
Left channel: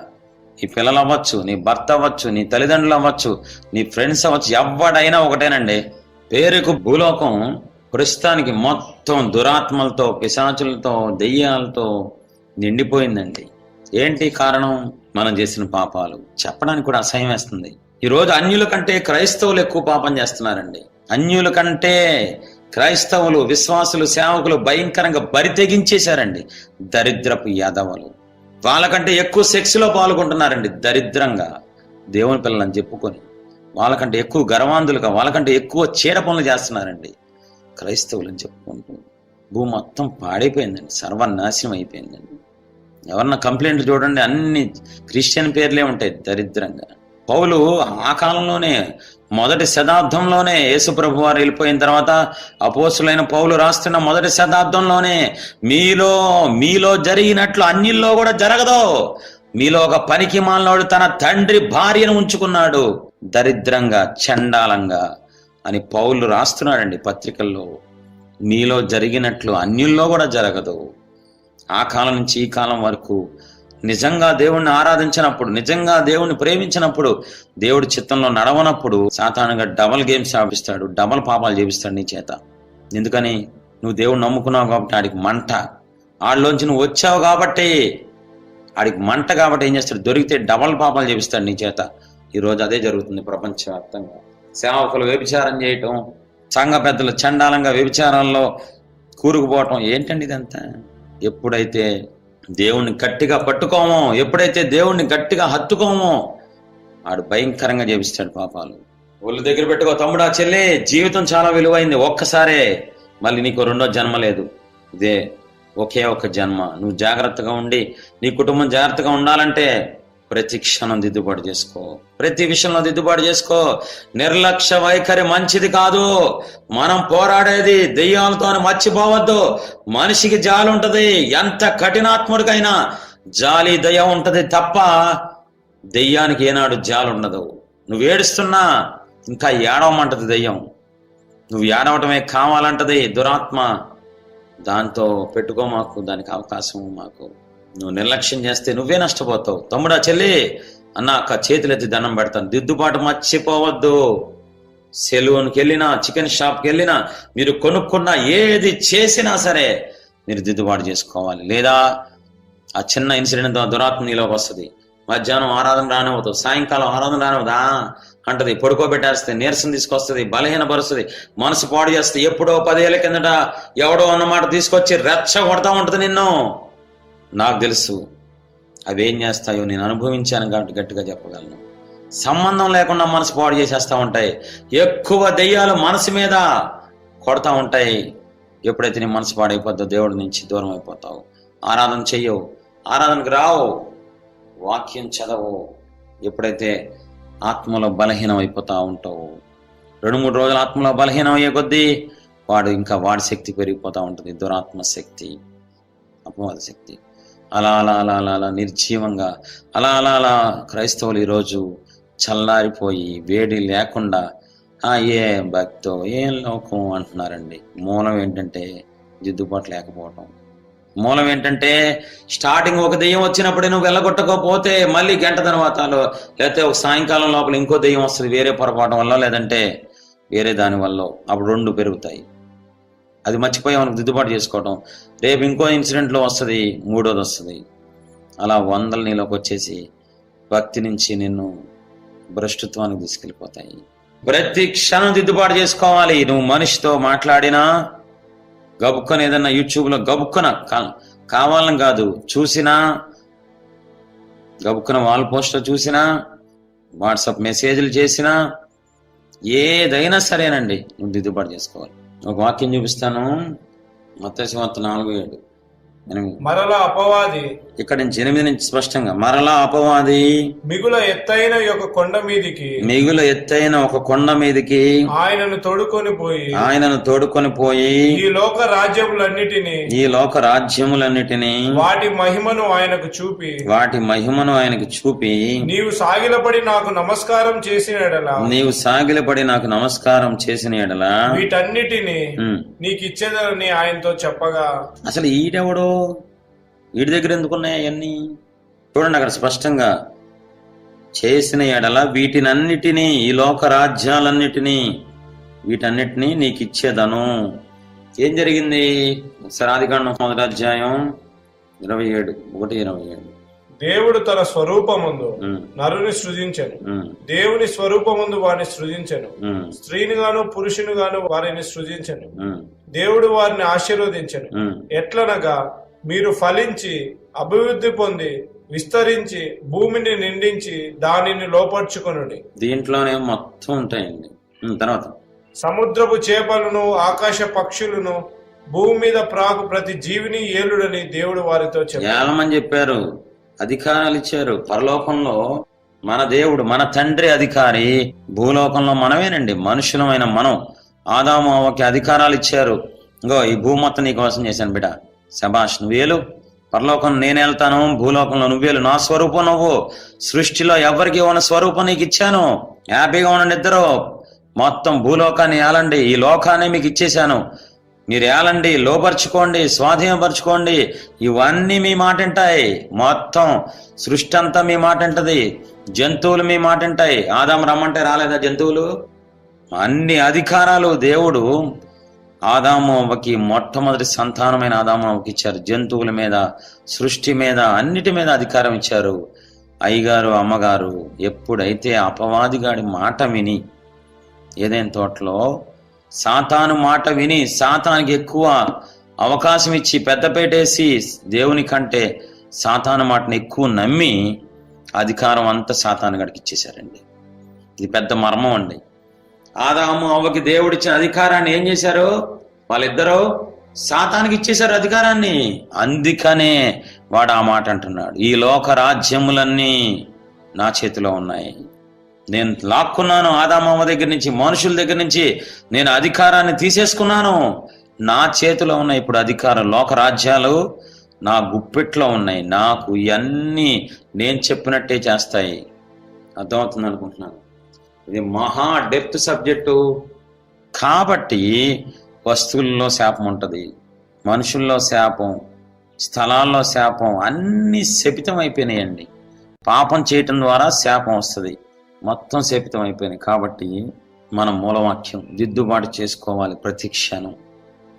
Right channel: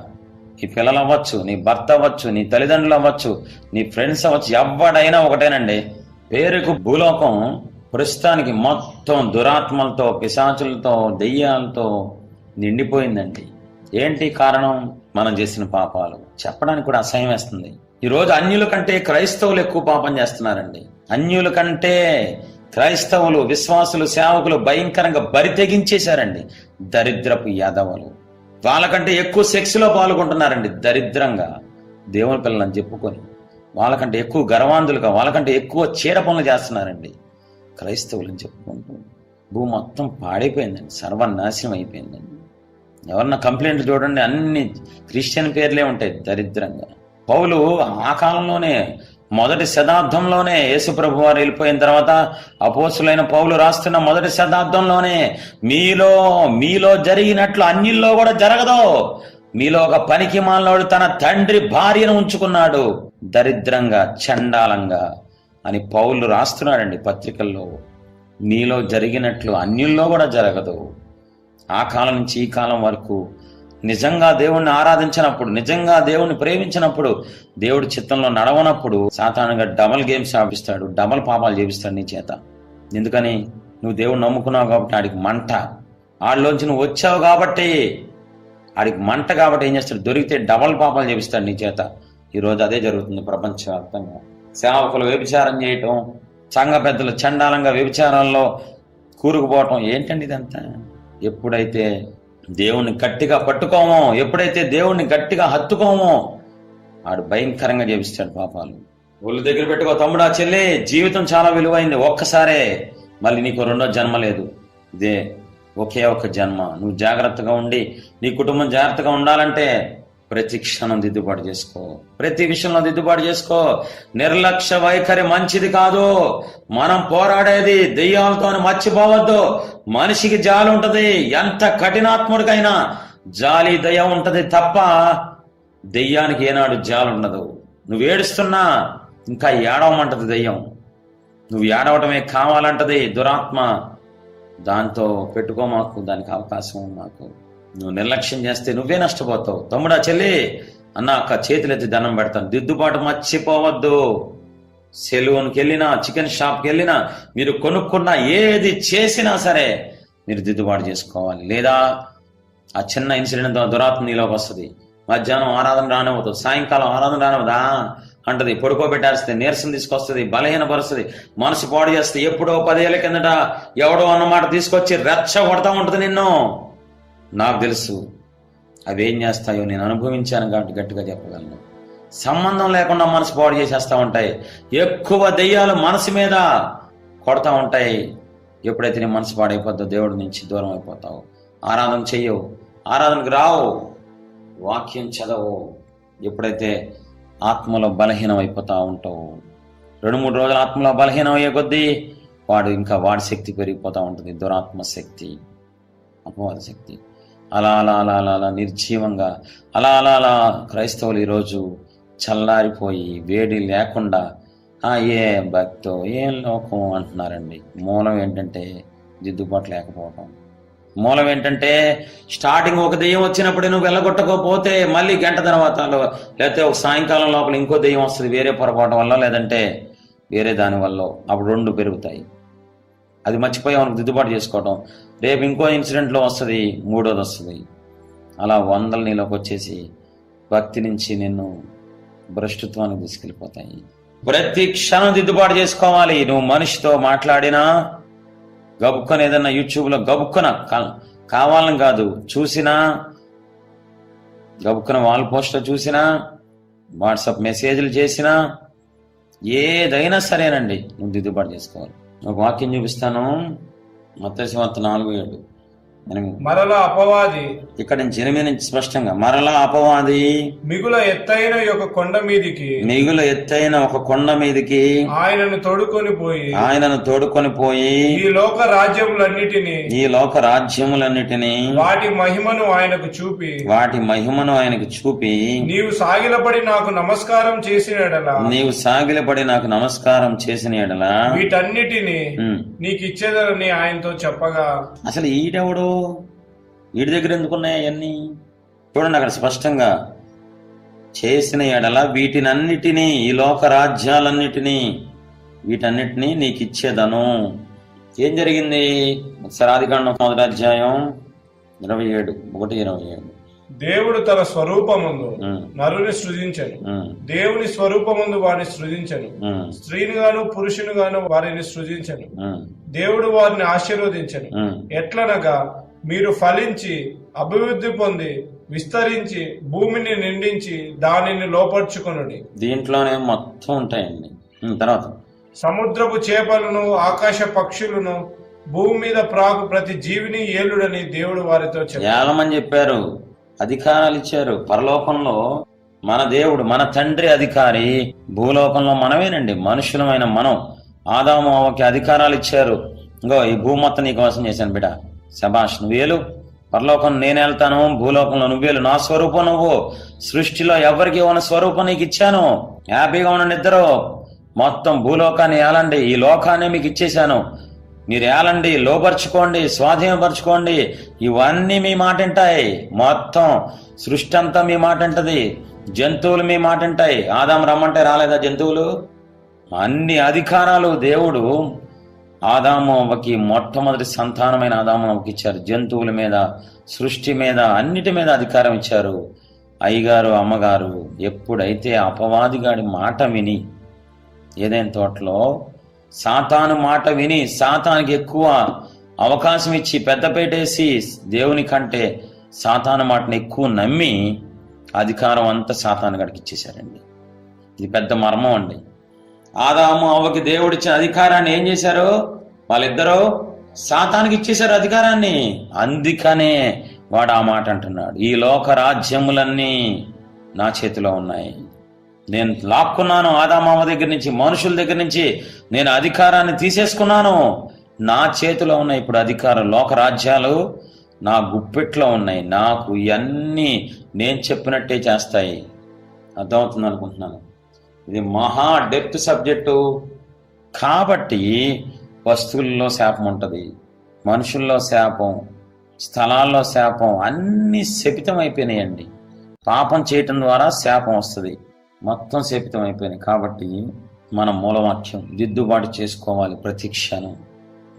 [SPEAKER 1] నీ పిల్లలు అవ్వచ్చు నీ భర్త అవ్వచ్చు నీ తల్లిదండ్రులు అవ్వచ్చు నీ ఫ్రెండ్స్ అవ్వచ్చు ఎవడైనా ఒకటేనండి. పేరుకు భూలోకం ప్రస్తుతానికి మొత్తం దురాత్మలతో పిశాచులతో దెయ్యాలతో నిండిపోయిందండి. ఏంటి కారణం? మనం చేసిన పాపాలు. చెప్పడానికి కూడా అసహ్యం వేస్తుంది. ఈరోజు అన్యుల కంటే క్రైస్తవులు ఎక్కువ పాపం చేస్తున్నారండి. అన్యుల కంటే క్రైస్తవులు విశ్వాసులు సేవకులు భయంకరంగా బరి తెగించేశారండి. దరిద్రపు యాదవులు. వాళ్ళకంటే ఎక్కువ సెక్స్లో పాల్గొంటున్నారండి దరిద్రంగా. దేవుని పిల్లలని చెప్పుకొని. వాళ్ళకంటే ఎక్కువ గర్వాంధులుగా వాళ్ళకంటే ఎక్కువ చీడ పనులు చేస్తున్నారండి. క్రైస్తవులని చెప్పుకుంటూ భూమి మొత్తం పాడైపోయిందండి. సర్వనాశనం అయిపోయిందండి. ఎవరన్నా కంప్లైంట్ చూడండి అన్ని క్రిస్టియన్ పేర్లే ఉంటాయి దరిద్రంగా. పౌలు ఆ కాలంలోనే మొదటి శతాబ్దంలోనే యేసుప్రభు వారు వెళ్ళిపోయిన తర్వాత అపోసులైన పౌలు రాస్తున్న మొదటి శతాబ్దంలోనే మీలో మీలో జరిగినట్లు అన్నిల్లో కూడా జరగదు. మీలో ఒక పనికి మాలినోడు తన తండ్రి భార్యను ఉంచుకున్నాడు. దరిద్రంగా చండాలంగా అని పౌలు రాస్తున్నాడండి పత్రికల్లో. నీలో జరిగినట్లు అన్యుల్లో కూడా జరగదు. ఆ కాలం నుంచి ఈ కాలం వరకు నిజంగా దేవుణ్ణి ఆరాధించినప్పుడు నిజంగా దేవుణ్ణి ప్రేమించినప్పుడు దేవుడి చిత్తంలో నడవనప్పుడు సాధారణంగా డబల్ గేమ్స్ ఆపిస్తాడు డబల్ పాపాలు చేపిస్తాడు నీ చేత. ఎందుకని? నువ్వు దేవుడు నమ్ముకున్నావు కాబట్టి ఆడికి మంట. ఆడిలోంచి నువ్వు వచ్చావు కాబట్టి ఆడికి మంట కాబట్టి ఏం చేస్తాడు? దొరికితే డబల్ పాపాలు చేపిస్తాడు నీ చేత. ఈ రోజు అదే జరుగుతుంది ప్రపంచవ్యాప్తంగా. సేవకులు వ్యభిచారం చేయటం సంఘ పెద్దలు చండాలంగా వ్యభిచారంలో కూరుకుపోవటం ఏంటండి ఇదంతా? ఎప్పుడైతే దేవుణ్ణి గట్టిగా పట్టుకోమో ఎప్పుడైతే దేవుణ్ణి గట్టిగా హత్తుకోమో ఆడు భయంకరంగా చేపిస్తాడు పాపాలు. ఒళ్ళు దగ్గర పెట్టుకో తమ్ముడా చెల్లి జీవితం చాలా విలువైంది ఒక్కసారే మళ్ళీ నీకు రెండో జన్మ లేదు. ఇదే ఒకే ఒక జన్మ. నువ్వు జాగ్రత్తగా ఉండి నీ కుటుంబం జాగ్రత్తగా ఉండాలంటే ప్రతి క్షణం దిద్దుబాటు చేసుకో. ప్రతి విషయంలో దిద్దుబాటు చేసుకో. నిర్లక్ష్య వైఖరి మంచిది కాదు. మనం పోరాడేది దెయ్యాలతో మర్చిపోవద్దు. మనిషికి జాలి ఉంటది. ఎంత కఠినాత్ముడికైనా జాలి దయ ఉంటది తప్ప దెయ్యానికి ఏనాడు జాలి ఉండదు. నువ్వు ఏడుస్తున్నా ఇంకా ఏడవమంటది దెయ్యం. నువ్వు ఏడవటమే కావాలంటది దురాత్మ. దాంతో పెట్టుకో మాకు దానికి అవకాశం మాకు. నువ్వు నిర్లక్ష్యం చేస్తే నువ్వే నష్టపోతావు. తమ్ముడా చెల్లి అన్న అక్క చేతులెత్తి దండం పెడతాను. దిద్దుబాటు మర్చిపోవద్దు. సెలూన్కి వెళ్ళినా చికెన్ షాప్కి వెళ్ళినా మీరు కొనుక్కున్న ఏది చేసినా సరే మీరు దిద్దుబాటు చేసుకోవాలి. లేదా ఆ చిన్న ఇన్సిడెంట్ దురాత్మ నీలోకి వస్తుంది. మధ్యాహ్నం ఆరాధన రానివ్వదు. సాయంకాలం ఆరాధన రానివ్వదా. అంటది. పడుకోబెట్టేస్తుంది నీరసం తీసుకొస్తుంది బలహీనపరుస్తుంది మనసు పాడు చేస్తే ఎప్పుడో పదేళ్ళ కిందట ఎవడో అన్నమాట తీసుకొచ్చి రెచ్చ కొడతా ఉంటుంది నిన్ను. నాకు తెలుసు. అవి ఏం చేస్తాయో నేను అనుభవించాను కాబట్టి గట్టిగా చెప్పగలను. సంబంధం లేకుండా మనసు పాడు చేసేస్తూ ఉంటాయి. ఎక్కువ దెయ్యాలు మనసు మీద కొడతా ఉంటాయి. ఎప్పుడైతే నీ మనసు పాడైపోద్దో దేవుడి నుంచి దూరం అయిపోతావు. ఆరాధన చెయ్యవు. ఆరాధనకు రావు. వాక్యం చదవు ఎప్పుడైతే ఆత్మలో బలహీనం అయిపోతూ ఉంటావు. రెండు మూడు రోజులు ఆత్మలో బలహీనం అయ్యే కొద్దీ వాడు ఇంకా వాడి శక్తి పెరిగిపోతూ ఉంటుంది. దురాత్మ శక్తి అపవాద శక్తి. అలా అలా అలా అలా అలా నిర్జీవంగా అలా అలా అలా క్రైస్తవులు ఈరోజు చల్లారిపోయి వేడి లేకుండా "ఆ, ఏం భక్తో ఏం లోకం అంటున్నారండి? మూలం ఏంటంటే దిద్దుబాటు లేకపోవటం. మూలం ఏంటంటే స్టార్టింగ్ ఒక దెయ్యం వచ్చినప్పుడే నువ్వు వెళ్ళగొట్టకపోతే మళ్ళీ గంట తర్వాత లేకపోతే ఒక సాయంకాలం లోపల ఇంకో దెయ్యం వస్తుంది వేరే పొరపాటు వల్ల లేదంటే వేరే దాని వల్ల. అప్పుడు రెండు పెరుగుతాయి. అది మర్చిపోయి మనకు దిద్దుబాటు చేసుకోవటం. రేపు ఇంకో ఇన్సిడెంట్లో వస్తుంది మూడోది వస్తుంది. అలా వందల నీలోకి వచ్చేసి భక్తి నుంచి నిన్ను భ్రష్టత్వానికి తీసుకెళ్ళిపోతాయి. ప్రతి క్షణం దిద్దుబాటు చేసుకోవాలి. నువ్వు మనిషితో మాట్లాడినా గబుక్కన ఏదన్నా యూట్యూబ్లో గబుక్కన కావాలని కాదు చూసినా గబుక్కన వాల్ పోస్ట్లో చూసినా వాట్సాప్ మెసేజ్లు చేసినా ఏదైనా సరేనండి నువ్వు దిద్దుబాటు చేసుకోవాలి. ఒక వాక్యం చూపిస్తాను. మత్స్యవార్త నాలుగు ఏడు.
[SPEAKER 2] మరలా అపవాది.
[SPEAKER 1] ఇక్కడ నుంచి ఎనిమిది నుంచి స్పష్టంగా మరలా అపవాది.
[SPEAKER 2] మిగుల ఎత్తైన యొక్క కొండ మీదికి
[SPEAKER 1] మిగుల ఎత్తైన ఒక కొండ మీదకి
[SPEAKER 2] ఆయనను తొడుకొని పోయి
[SPEAKER 1] ఆయనను తోడుకొని పోయి
[SPEAKER 2] ఈ లోక రాజ్యములన్నిటినీ
[SPEAKER 1] ఈ లోక రాజ్యములన్నిటినీ
[SPEAKER 2] వాటి మహిమను ఆయనకు చూపి
[SPEAKER 1] వాటి మహిమను ఆయనకు చూపి
[SPEAKER 2] నీవు సాగిలపడి నాకు నమస్కారం చేసిన ఎడల
[SPEAKER 1] నీవు సాగిలపడి నాకు నమస్కారం చేసిన ఎడల
[SPEAKER 2] వీటన్నిటిని నీకు ఇచ్చేదరని ఆయనతో చెప్పగా.
[SPEAKER 1] అసలు ఈడెవడో? వీడి దగ్గర ఎందుకున్నాయి అవన్నీ చూడండి అక్కడ స్పష్టంగా. చేసిన ఎడల వీటినన్నిటినీ ఈ లోక రాజ్యాలన్నిటినీ వీటన్నిటినీ నీకు ఇచ్చేదను ఏం జరిగింది? సరాధికాండం మొదటి అధ్యాయం ఇరవై ఏడు ఒకటి ఇరవై ఏడు.
[SPEAKER 2] దేవుడు తన స్వరూపముందు నరుని సృజించను. దేవుని స్వరూపముందు వారిని సృజించను. స్త్రీని గాను పురుషుని గాను వారిని సృజించను. దేవుడు వారిని ఆశీర్వదించను. ఎట్లనగా మీరు ఫలించి అభివృద్ధి పొంది విస్తరించి భూమిని నిండించి దానిని లోపర్చుకొనుడి.
[SPEAKER 1] దీంట్లోనే మొత్తం ఉంటాయండి. తర్వాత.
[SPEAKER 2] సముద్రపు చేపలను ఆకాశ పక్షులను భూమి మీద ప్రాకు ప్రతి జీవిని ఏలుడని దేవుడు వారితో చెప్పారు
[SPEAKER 1] ఏలమని చెప్పారు. అధికారాలు ఇచ్చారు పరలోకంలో మన దేవుడు మన తండ్రి అధికారి భూలోకంలో మనమేనండి. మనుషులమైన మనం. ఆదాము అవ్వకి అధికారాలు ఇచ్చారు ఇంకో ఈ భూమొత్తం నీకు కోసం చేశాను బిడ శభాష్ నువ్వేలు పరలోకం నేను వెళ్తాను భూలోకంలో నువ్వేలు నా స్వరూపం నువ్వు. సృష్టిలో ఎవరికి ఉన్న స్వరూపం నీకు ఇచ్చాను. హ్యాపీగా ఉండండి ఇద్దరు మొత్తం భూలోకాన్ని ఏలండి. ఈ లోకాన్ని మీకు ఇచ్చేశాను. మీరు ఏలండి లోపరుచుకోండి స్వాధీనపరచుకోండి. ఇవన్నీ మీ మాట వింటాయి మొత్తం సృష్టి అంతా మీ మాట వింటది జంతువులు మీ మాట వింటాయి ఆదాం రమ్మంటే రాలేదా జంతువులు? అన్ని అధికారాలు దేవుడు ఆదాము అవ్వకి మొట్టమొదటి సంతానమైన ఆదాము ఇచ్చారు. జంతువుల మీద సృష్టి మీద అన్నిటి మీద అధికారం ఇచ్చారు. అయ్యగారు అమ్మగారు ఎప్పుడైతే అపవాదిగాడి మాట విని ఏదైనా తోటలో సాతాను మాట విని సాతానికి ఎక్కువ అవకాశం ఇచ్చి పెద్దపేటేసి దేవుని కంటే సాతాను మాటను ఎక్కువ నమ్మి అధికారం అంతా సాతాను గడికి ఇచ్చేశారండి. ఇది పెద్ద మర్మం అండి. ఆదాము అవ్వకి దేవుడిచ్చిన అధికారాన్ని ఏం చేశారు? వాళ్ళిద్దరూ సాతానికి ఇచ్చేశారు అధికారాన్ని. అందుకనే వాడు ఆ మాట అంటున్నాడు. ఈ లోక రాజ్యములన్నీ నా చేతిలో ఉన్నాయి. నేను లాక్కున్నాను ఆదామామ దగ్గర నుంచి మనుషుల దగ్గర నుంచి. నేను అధికారాన్ని తీసేసుకున్నాను. నా చేతిలో ఉన్న ఇప్పుడు అధికారం. లోక రాజ్యాలు నా గుప్పెట్లో ఉన్నాయి. నాకు ఇవన్నీ నేను చెప్పినట్టే చేస్తాయి. అర్థమవుతుంది అనుకుంటున్నాను. ఇది మహా డెప్త్ సబ్జెక్టు. కాబట్టి వస్తువుల్లో శాపం ఉంటుంది. మనుషుల్లో శాపం స్థలాల్లో శాపం అన్నీ శపితం అయిపోయినాయండి పాపం చేయటం ద్వారా శాపం వస్తుంది. మొత్తం శపితం అయిపోయింది కాబట్టి మన మూలవాక్యం దిద్దుబాటు చేసుకోవాలి ప్రతి క్షణం.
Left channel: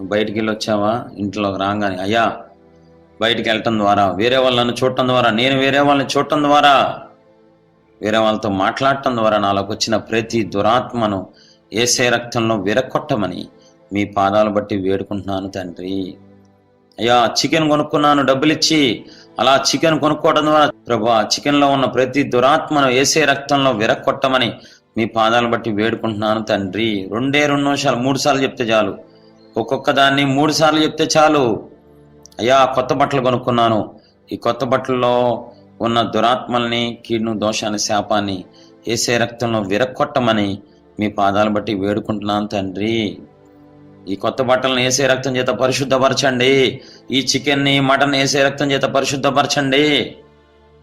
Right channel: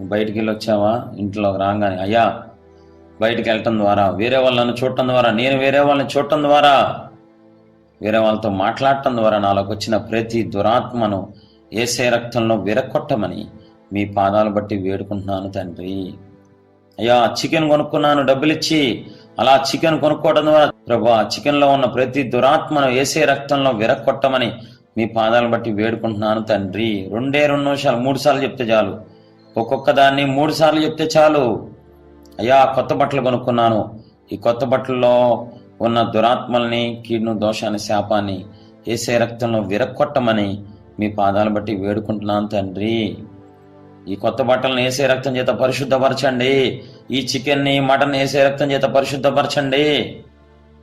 [SPEAKER 1] బయటికి వెళ్ళి వచ్చావా? ఇంట్లోకి రాగానే అయ్యా బయటికి వెళ్ళటం ద్వారా వేరే వాళ్ళని చూడటం ద్వారా నేను వేరే వాళ్ళని చూడటం ద్వారా వేరే వాళ్ళతో మాట్లాడటం ద్వారా నాలోకి వచ్చిన ప్రతి దురాత్మను ఏసే రక్తంలో విరక్కొట్టమని మీ పాదాలు బట్టి వేడుకుంటున్నాను తండ్రి. అయ్యా చికెన్ కొనుక్కున్నాను డబ్బులిచ్చి అలా చికెన్ కొనుక్కోవడం ద్వారా ప్రభా చికెన్లో ఉన్న ప్రతి దురాత్మను ఏసే రక్తంలో విరక్కొట్టమని మీ పాదాలు బట్టి వేడుకుంటున్నాను తండ్రి. రెండే రెండు నిమిషాలు మూడు సార్లు చెప్తే చాలు. ఒక్కొక్క దాన్ని మూడు సార్లు చెప్తే చాలు. అయ్యా కొత్త బట్టలు కొనుక్కున్నాను. ఈ కొత్త బట్టల్లో ఉన్న దురాత్మల్ని కీడును దోషాన్ని శాపాన్ని ఏసే రక్తంలో విరక్కొట్టమని మీ పాదాలు బట్టి వేడుకుంటున్నాను తండ్రి. ఈ కొత్త బట్టలను వేసే రక్తం చేత పరిశుద్ధపరచండి. ఈ చికెన్ని మటన్ వేసే రక్తం చేత పరిశుద్ధపరచండి.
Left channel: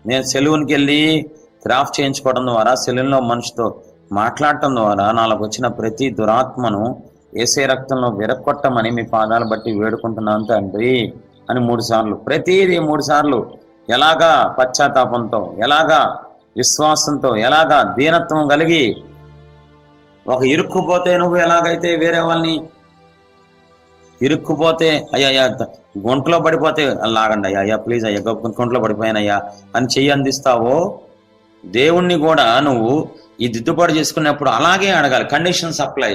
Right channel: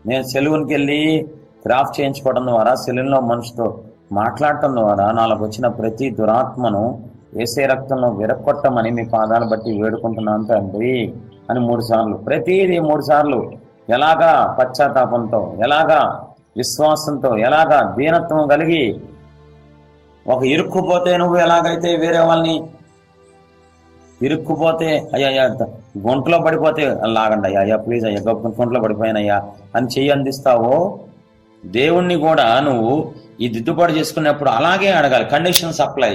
[SPEAKER 1] నేను సెలూన్కి వెళ్ళి క్రాఫ్ట్ చేయించుకోవడం ద్వారా సెలూన్లో మనిషితో మాట్లాడటం ద్వారా నాలకు వచ్చిన ప్రతి దురాత్మను ఏసే రక్తంలో విరక్కొట్టమని మీ పాదాలు బట్టి వేడుకుంటున్నాను తండ్రి అని మూడు సార్లు. ప్రతిదీ మూడు సార్లు. ఎలాగా పశ్చాత్తాపంతో ఎలాగా విశ్వాసంతో ఎలాగా దీనత్వం కలిగి ఒక ఇరుక్కుపోతే నువ్వు ఎలాగైతే వేరే వాళ్ళని ఇరుక్కుపోతే అయ్యా గుంటలో పడిపోతే లాగండి అయ్యా అయ్యా ప్లీజ్ అయ్యా గొప్ప గుంటలో పడిపోయానయ్యా అని చెయ్యి అందిస్తావో? దేవుణ్ణి కూడా నువ్వు ఈ దిద్దుబాటు చేసుకున్నప్పుడు అలాగే అడగాలి కండిషన్స్ సప్లై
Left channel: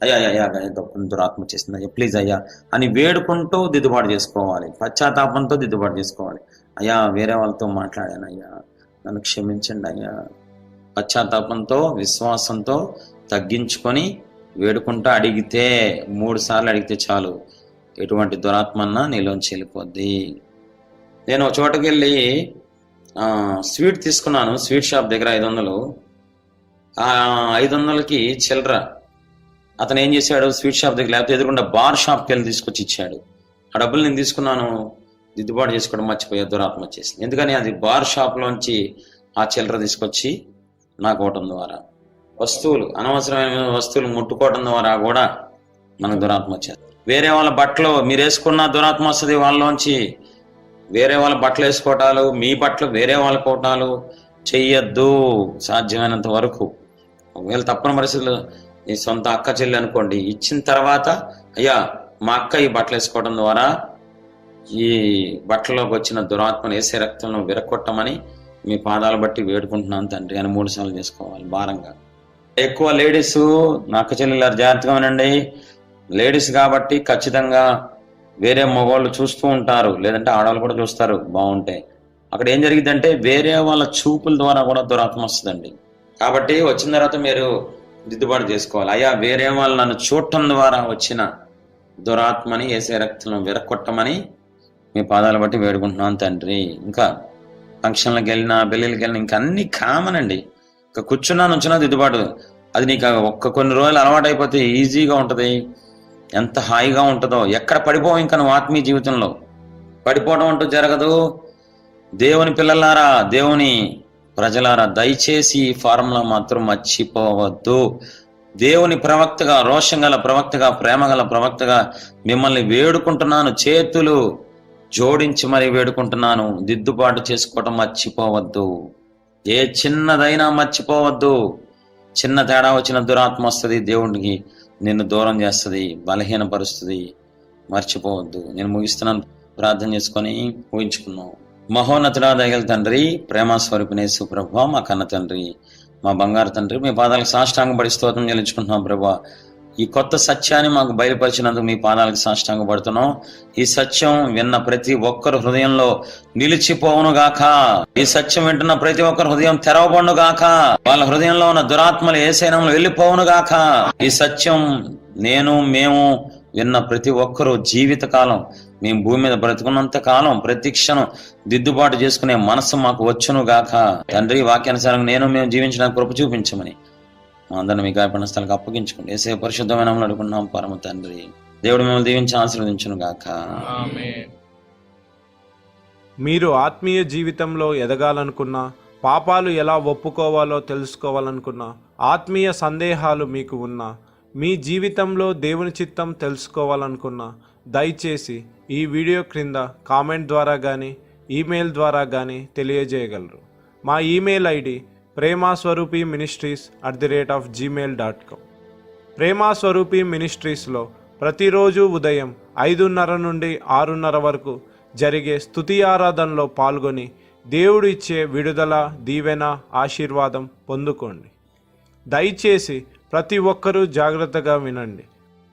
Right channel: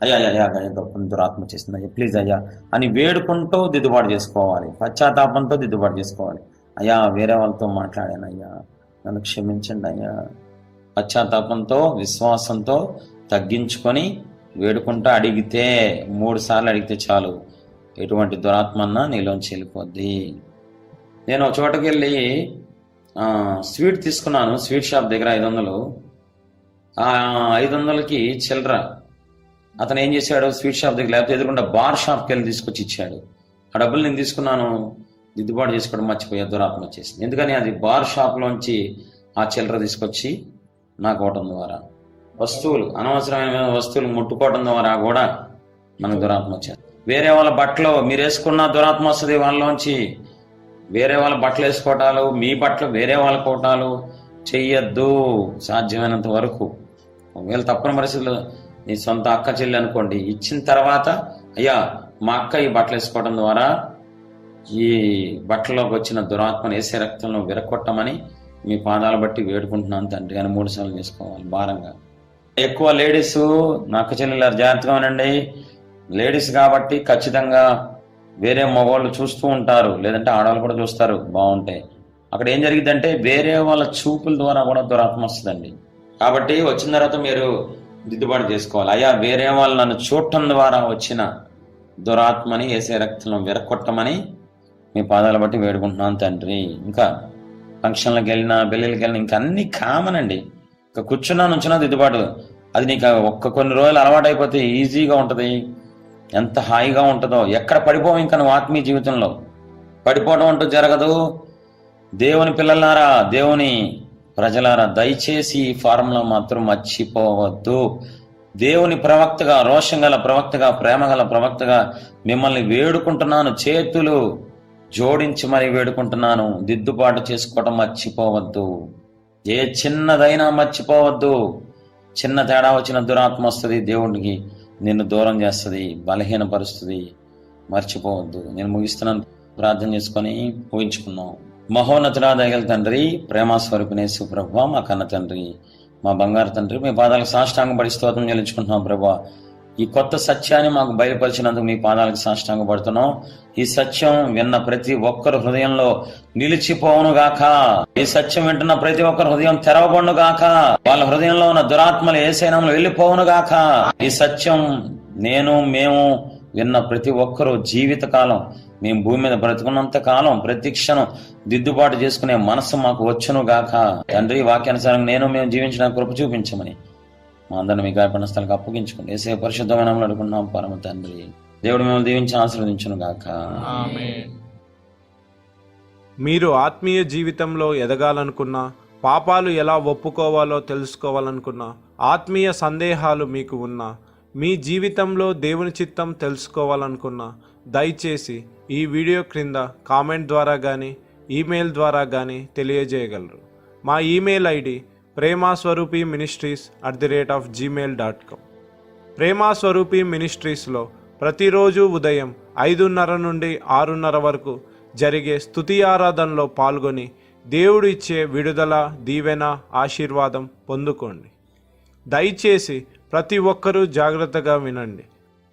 [SPEAKER 1] అయ్యా అయ్యా అయ్యా అయ్యా గొప్ప దురాత్మ చేసింది అయ్యా ప్లీజ్ అయ్యా అని వేడుకుంటూ దిద్దుబాటు చేసుకోవాలి పశ్చాత్తాపంతో దిద్దుబాటు చేసుకోవాలి. అయ్యా వేరే వాళ్ళతో మాట్లాడాను అయ్యా నన్ను క్షమించండి అయ్యా. పశ్చాత్తాపంతో విశ్వాసంతో తగ్గించుకొని వేడుకుంటూ అడిగితే మూడు సార్లు అడిగితే చాలు. ఎటువంటి దురాత్మన్నా నీలోంచి వెళ్ళిపోద్ది. నేను ఒక చోటకి వెళ్ళి స్వీట్ తీసుకున్నాను స్వీట్ షాప్ దగ్గర ఐదు వందలు ఆ ఐదు వందలకి చిల్లర. అతను ఏం చేశాడు? స్వీట్ షాప్ దగ్గర లేకపోతే ఎదురుకుండా బార్ షాప్కి వెళ్ళి తీసుకొచ్చి ఇచ్చాడు. ఆ డబ్బులు నేను తీసుకున్నాను. దిద్దుబాటు చేసుకోవడం మర్చిపోయా దురాత్మ వచ్చేసింది. ఎందుకని? అది బార్ షాప్లోంచి ఆ చిల్లర తీసుకొచ్చి నాకు ఇవ్వటం ద్వారా. వస్తువులు అనవసరమైన వస్తువులు ముట్టుకోవడం ద్వారా కూడా మనకు దురాత్మ వచ్చేది. వేరే వాళ్ళ బట్టలు మీరు వేసుకున్న దురాత్మ వస్తుంది వాళ్ళలోంచి. వేరే వాళ్ళ బట్టలు వేసుకోవటాలు మీ బట్టలు వేరే వాళ్ళ కోటాలు చెయ్యొద్దు సాధ్యమైనంత వరకు. ఒకవేళ తప్పని పరిస్థితుల్లో నీ సొంత అక్క చెల్లి అనుకోండి ఇచ్చిన తర్వాత అయ్యా మా అక్క ఈ బట్టలు వేసుకోవడం ద్వారా ఈ బట్టలోకి వచ్చిన దురాత్మను వేసే రక్తంలో విరగొట్టమని మీ పాదాలు బట్టి వేడుకుంటున్నాను తండ్రి అని మూడు సార్లు చేసుకోవాలి భారంగా. ఎక్కువ లేడీస్ నా అక్క చెల్లెలు జాగ్రత్తగా ఉండండి. లేడీస్ కాబట్టి ఖచ్చితంగా వేరే మగవాళ్ళు చూస్తూ ఉంటారు. లేదంటే ఆడవాళ్ళు కూడా చూస్తారు. బాగుంటే అక్కడ ఏం జరిగిందంటే వేరే వాళ్ళ చూపుల ద్వారా కూడా దురాత్మ వస్తుందండి. కాబట్టి వచ్చిన తర్వాత మీరు దిద్దుబాటు చేసుకోవాలి. అయ్యా వేరే వాళ్ళు నన్ను చూడటం ద్వారా వచ్చిన దురాత్మని వేసే రక్తంలో విరక్కొట్టమని మీ పాదాలు బట్టి వేడుకుంటున్నాను తండ్రి. ఇంకా ఫంక్షన్లకు వెళ్ళినా పెళ్ళిళ్ళకి వెళ్ళినా ఇంకా అన్ని కామన్ అండి. ఇంకా కూర్చున్నా నుంచున్నా దిద్దుబాటు. అది నీకు ఒక్క కొన్ని రోజులు అలవాటు అయిపోతే ఈజీగా ఉంటుంది. ఎంత హాయిగా ఉంటుందో ఎక్కడ పడిపోవు ఇంకా నువ్వు ఆత్మీయ జీవితంలో? పడిపోవడం అంటూ జరగదు. దేవుని పిల్లలారా దేవుని ప్రజలారా దయచేసి ఈ ఫార్ములా మాత్రం మర్చిపోవద్దు. దేవుని ప్రవక్తగా రోషం గల ప్రవక్తగా ప్రేమ గల ప్రవక్తగా మిమ్మల్ని వేడుకుంటున్నాను. చేతులు జోడించి మరి వేడుకుంటున్నాను. దిద్దుబాటు చేసుకోవటం మర్చిపోవద్దు. ఏ చిన్నదైనా మర్చిపోవద్దు. చిన్న తేడా వచ్చిన దురాత్మ వస్తుంది దేవునికి. నిన్ను దూరం చేస్తుంది బలహీనపరుస్తుంది. మర్చిపోవద్దు. నేను ముగిస్తున్నాను. ప్రార్థన చేసుకొని ఊహించుకున్నాం మహోన్నతుడా దయగల తండ్రి ప్రేమస్వరూపిణేశ్వర ప్రభా మా కన్న తండ్రి మా బంగారు తండ్రి మీ పాదాలకు సాష్టాంగ పడి స్తోత్రం చెల్లించుకుంటున్నాం ప్రభా. ఈ కొత్త సత్యాన్ని మాకు బయలుపరిచినందుకు మీ పాదాలకు సాష్టాంగ పడుతున్నాం. ఈ సత్యం విన్న ప్రతి ఒక్కరు హృదయంలో నిలిచిపోవును గాక. ఈ సత్యం వింటున్న ప్రతి ఒక్కరు హృదయం తెరవబడును గాక. వాళ్ళ హృదయంలో ఉన్న దురాత్మలు ఏ శైనంలో వెళ్ళిపోవును గాక. ఈ సత్యం నేను మేము విన్న ప్రతి ఒక్కరూ జీవితకాలం మేము భూమి మీద బ్రతుకున్నంత కాలం ప్రతి క్షణం దిద్దుబాటు చేసుకునే మనసు మాకు వచ్చును గాక. తండ్రి వాక్యానుసారం నేను మేము జీవించడానికి కృప చూపించమని మా అందరిని మీ గాయపడిన స్థలకు అప్పగించుకోండి. ఏసే పరిశుద్ధమైన నామములో అడుగున్నాం పరమ తండ్రి. దేవుడు మిమ్మల్ని దీవించి ఆశీర్వదించును గాక.
[SPEAKER 3] మీరు ఆత్మీయ జీవితంలో ఎదగాలనుకున్నా పాపాలు ఎలా ఒప్పుకోవాలో తెలుసుకోవాలనుకున్నా ఆత్మీయ సందేహాలు మీకు ఉన్నా మీ జీవితంలో దేవుని చిత్తం తెలుసుకోవాలనుకున్నా దయచేసి ఈ వీడియో క్రింద కామెంట్ ద్వారా కానీ ఈమెయిల్ ద్వారా కానీ తెలియజేయగలరు. మా email ID Premaswaroopi ministries at the rate of Gmail dot com. Prema Swaroopi మినిస్ట్రీస్లో ప్రతిరోజు ఉదయం ఐదున్నర నుండి ఆరున్నర వరకు జరిగే స్థుతి ఆరాధనలో పాల్గొని దేవుడు ఇచ్చే విడుదల దీవెన ఆశీర్వాదం పొందుకోండి. దయచేసి ప్రతి ఒక్కరూ జాగ్రత్తగా వినండి.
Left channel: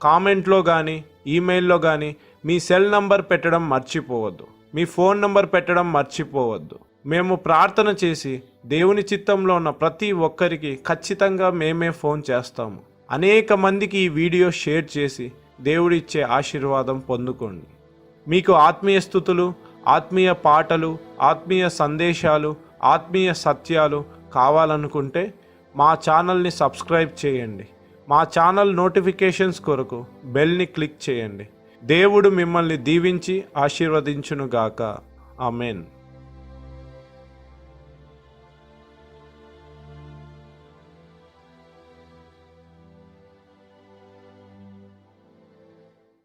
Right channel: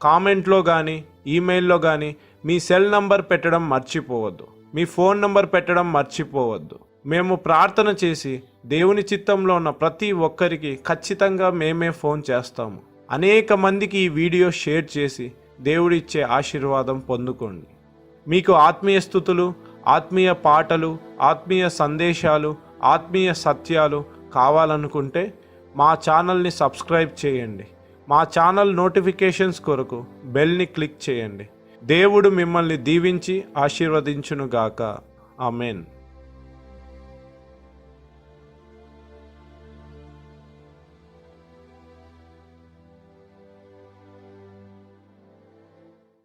[SPEAKER 3] కామెంట్లో కానీ ఈమెయిల్లో కానీ మీ సెల్ నంబర్ పెట్టడం మర్చిపోవద్దు. మీ ఫోన్ నంబర్ పెట్టడం మర్చిపోవద్దు. మేము ప్రార్థన చేసి దేవుని చిత్తంలో ఉన్న ప్రతి ఒక్కరికి ఖచ్చితంగా మేమే ఫోన్ చేస్తాము. అనేక మందికి ఈ వీడియో షేర్ చేసి దేవుడిచ్చే ఆశీర్వాదం పొందుకోండి. మీకు ఆత్మీయ స్థుతులు ఆత్మీయ పాటలు ఆత్మీయ సందేశాలు ఆత్మీయ సత్యాలు కావాలనుకుంటే మా ఛానల్ని సబ్స్క్రైబ్ చేయండి. మా ఛానల్ నోటిఫికేషన్స్ కొరకు బెల్ని క్లిక్ చేయండి. దేవుడు మిమ్మల్ని దీవించి ఆశీర్వదించునుగాక. ఆమెన్.